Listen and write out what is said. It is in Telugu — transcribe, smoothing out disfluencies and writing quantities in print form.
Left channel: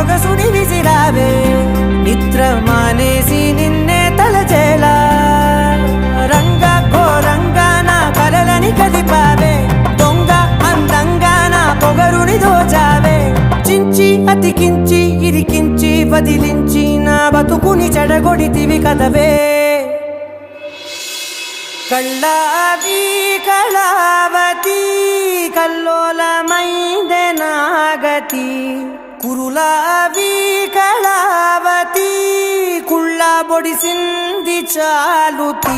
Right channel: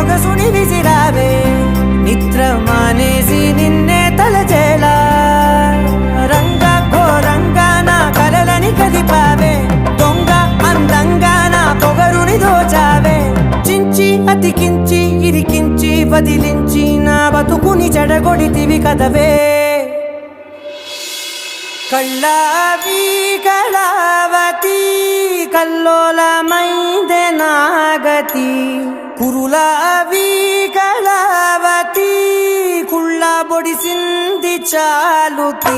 సొగసుని విసిరావే నిద్ర మానేసి నిన్నే తలచేలా రంగా ఘోరంగా నా కలలని కదిపావే దొంగ అందంగా నా పొగరుని దోచావే చించి అతికించి ఇరికించి వదిలించి నా బతుకుని చెడగొడితివి కదవే కళ్ళావి కళావతి కల్లోలమైందే నాగతి కురులావి కళావతి కుళ్ళ బొడిసింది చాలుతి